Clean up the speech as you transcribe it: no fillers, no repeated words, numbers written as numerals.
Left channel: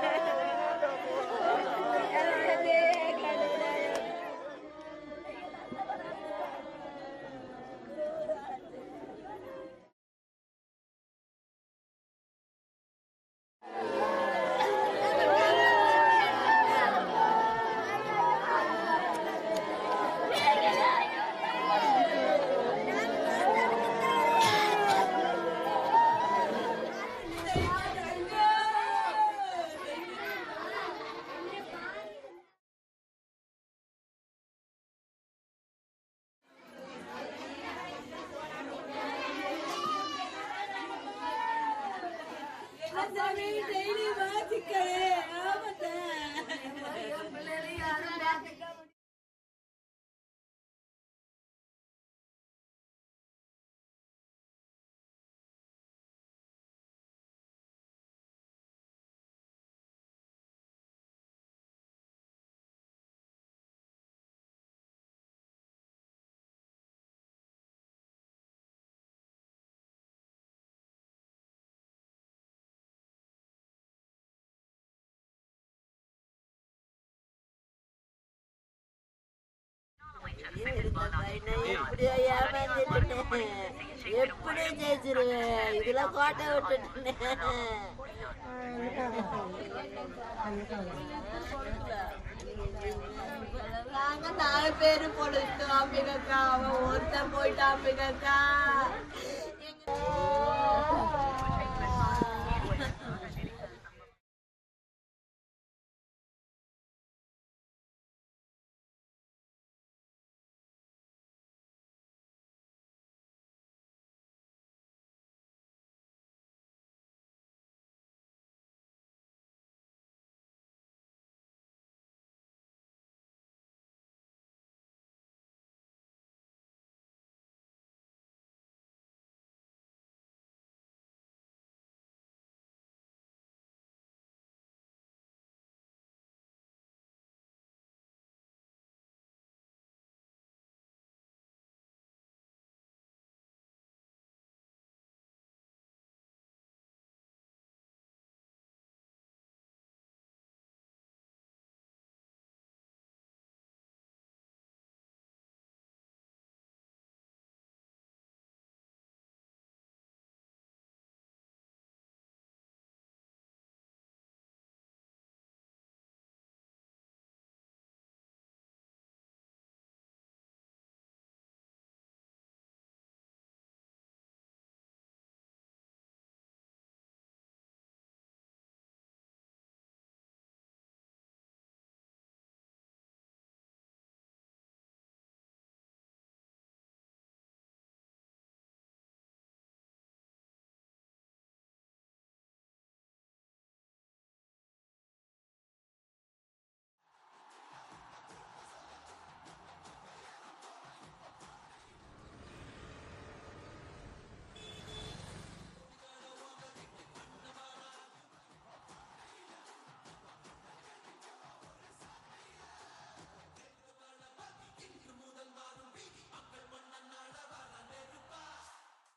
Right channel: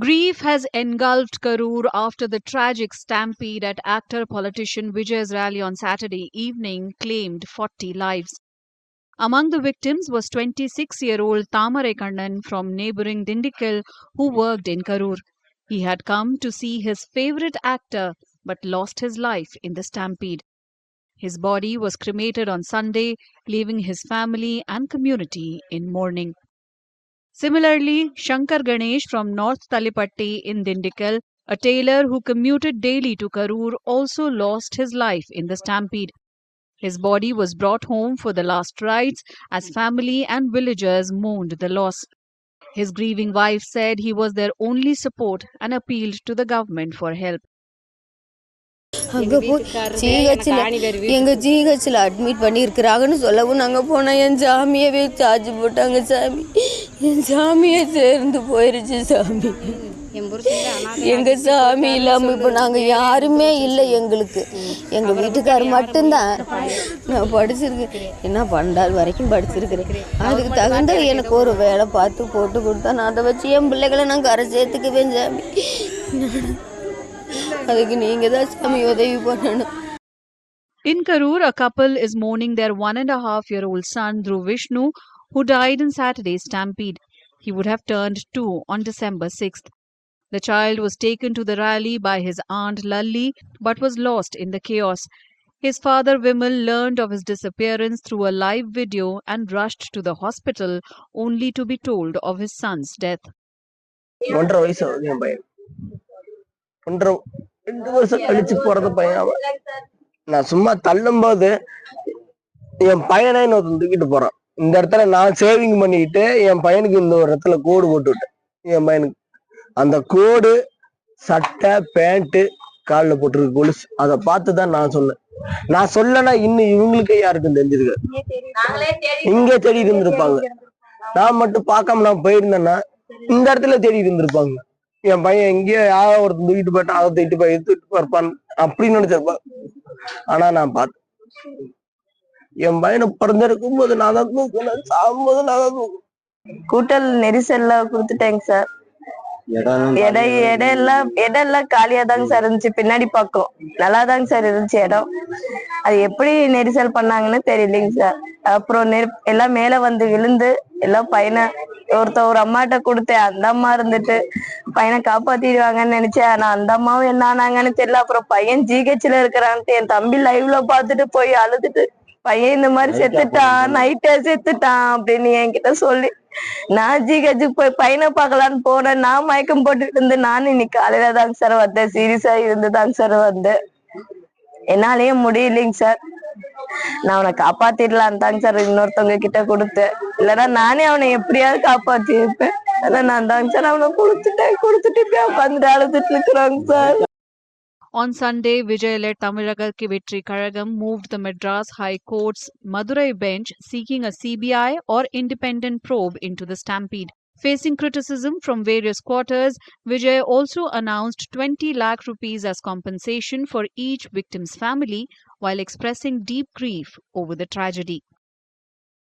Grief has engulfed Karur after the tragic stampede at actor-politician Vijay's rally on Saturday evening claimed 40 lives. Among the victims was 26-year-old Tamare Kannan from neighboring Dindigul who worked in Karur. He had come to see his favorite actor but lost his life in the stampede. His body was cremated on Sunday, leaving his family and community in mourning. Similarly, Shankar Ganesh from North Talipatti in Dindigul, a tailor who commuted daily to Karur, also lost his life in the stampede. His body was brought home for the last rites as family and villagers mourned the loss. His grieving wife said he was their only support and appealed to the government for help. அங்கே போய் ஜிஹெச்சில் admit பண்ணியிருக்கிறாங்கன்னு சொல்லவும் நாங்கள் போனால் என் சாமியவே charge போட்டாங்க. சாமி என் சாமியை சேர்ந்து போயிருச்சு. சாமி எங்கள் சாமி இல்லாமல் இப்போ நாங்கள் யாருமே இல்லை. எங்களுக்கு எங்கள் வீட்டுக்கார் மட்டும்தான். நான் படிச்சிருக்கேன், என்ன 12 வரைக்கும் படிச்சிருக்கிறேன். அதுக்கு தகுந்த எனக்கு ஒரு வேலை பார்த்து போட்டு கொடுத்தா நான் அதை வச்சு என் பிள்ளைகளை நான் கரை சேர்த்துக்குவேன். சாமி In Karur, a couple is mourning their 1.5-year-old son, Dhruv Vishnu, who died in Saturday's stampede. He would have turned 2 on December 6th. The child was taken to the rally by his aunt Lalli but was lost in the chaos. His father Vimal learned of his disappearance through a live video and rushed to the hospital only to be told of his son's death. 2 வருஷம் கழிச்சு பிறந்த பையன் அவன். நான் சும்மா தள்ளும் போது என் பையனை இன்னொருத்தன் தூக்கிட்டு போறான். இந்த இடத்துல நான் சேவிங் பண்ணிட்டு என் பையனுக்கு இந்த ஒரு இடத்துல கோடு போட்டு விட்டேன். என் பையனுக்கு அந்த கோடு சட்டை பேண்ட் காலில் போட்டிருக்கு கொலுசு. அதை பார்த்துதான் நான் சொன்னேன். நான் சொல்லனா இன்னும் இவங்களுக்கு யாருக்கும் தெரிஞ்சிருக்காரு. இங்கே தேடி இருந்திருப்பாங்க. நான் மட்டும் பார்க்காம நான் போயிருந்தேன்னா இந்த இடத்துல தேடி இருந்திருப்பாங்க. என் பையன் எங்கேயோ யாரோ ஒருத்தர் தூக்கிட்டு போயிட்டான், அதை தூக்கிட்டு போய் எடுத்துட்டு இருப்பான் அப்படின்னு நினைச்சிருப்பான். ஆனா நான் பார்த்தேன், என் பையனை பிறந்திருக்கும் போது நான் தான் தூக்கினேன், சாகும்போது நான் தான் தூக்கினேன். கூட்டல் நெரிசல்ல கொடுத்துட்டேங்க சார். இடம் காலியா தாங்க சார் இருந்துச்சு. பின்னாடி பக்கம் நல்லாதாங்க சார் இருந்துச்சு இடம். அது எப்படி நெரிசல் பண்ணாங்கன்னு தெரியலைங்க சார். அப்புறம் எல்லாம் மேல வந்து விழுந்து எல்லாம் பையனை ஒரு அம்மாட்ட கொடுத்தேன். அந்த அம்மா இருந்துட்டு பையனை காப்பாத்திடுவாங்கன்னு நினைச்சேன். ஆனா அந்த அம்மாவும் என்ன ஆனாங்கன்னு தெரியல. அப்புறம் பையன் ஜிஹெச்ல இருக்கிறான்ட்டு என் தம்பி லைவ்ல பாத்துட்டு போய் அழுதுட்டு, பையன் இந்த மாதிரி செத்துட்டான், நைட்டே செத்துட்டான் அப்படின்னு என்கிட்ட சொல்லி, நான் ஜிஹெச்சுக்கு போய் பையனை பார்க்கலான்னு போனேன். நான் மயக்கம் போட்டுட்டு இருந்து நானும் இன்னைக்கு காலையில தாங்க சார் வந்தேன். சீரியஸா இருந்துதாங்க சார் வந்தேன். என்னாலயே முடியலைங்க சார். நான் அவனை காப்பாத்திடலாம் தாங்க சார் இன்னொருத்தவங்க கிட்ட கொடுத்தேன். இல்லைன்னா நானே அவனை எப்படியாவது காப்பாத்தி இருப்பேன். அதான் நான் தாங்க சார் அவனை கொடுத்துட்டு உட்காந்துட்டு அழுதுட்டு இருக்கிறாங்க sir. On Sunday, Vijay-led Tamizhaga Vetri Kazhagam moved the Madras High Court's Madurai bench seeking a CBI or independent probe into the stampede. Facing criticism from various quarters, Vijay also announced 20 lakh rupees as compensation for each victim's family while expressing deep grief over the tragedy.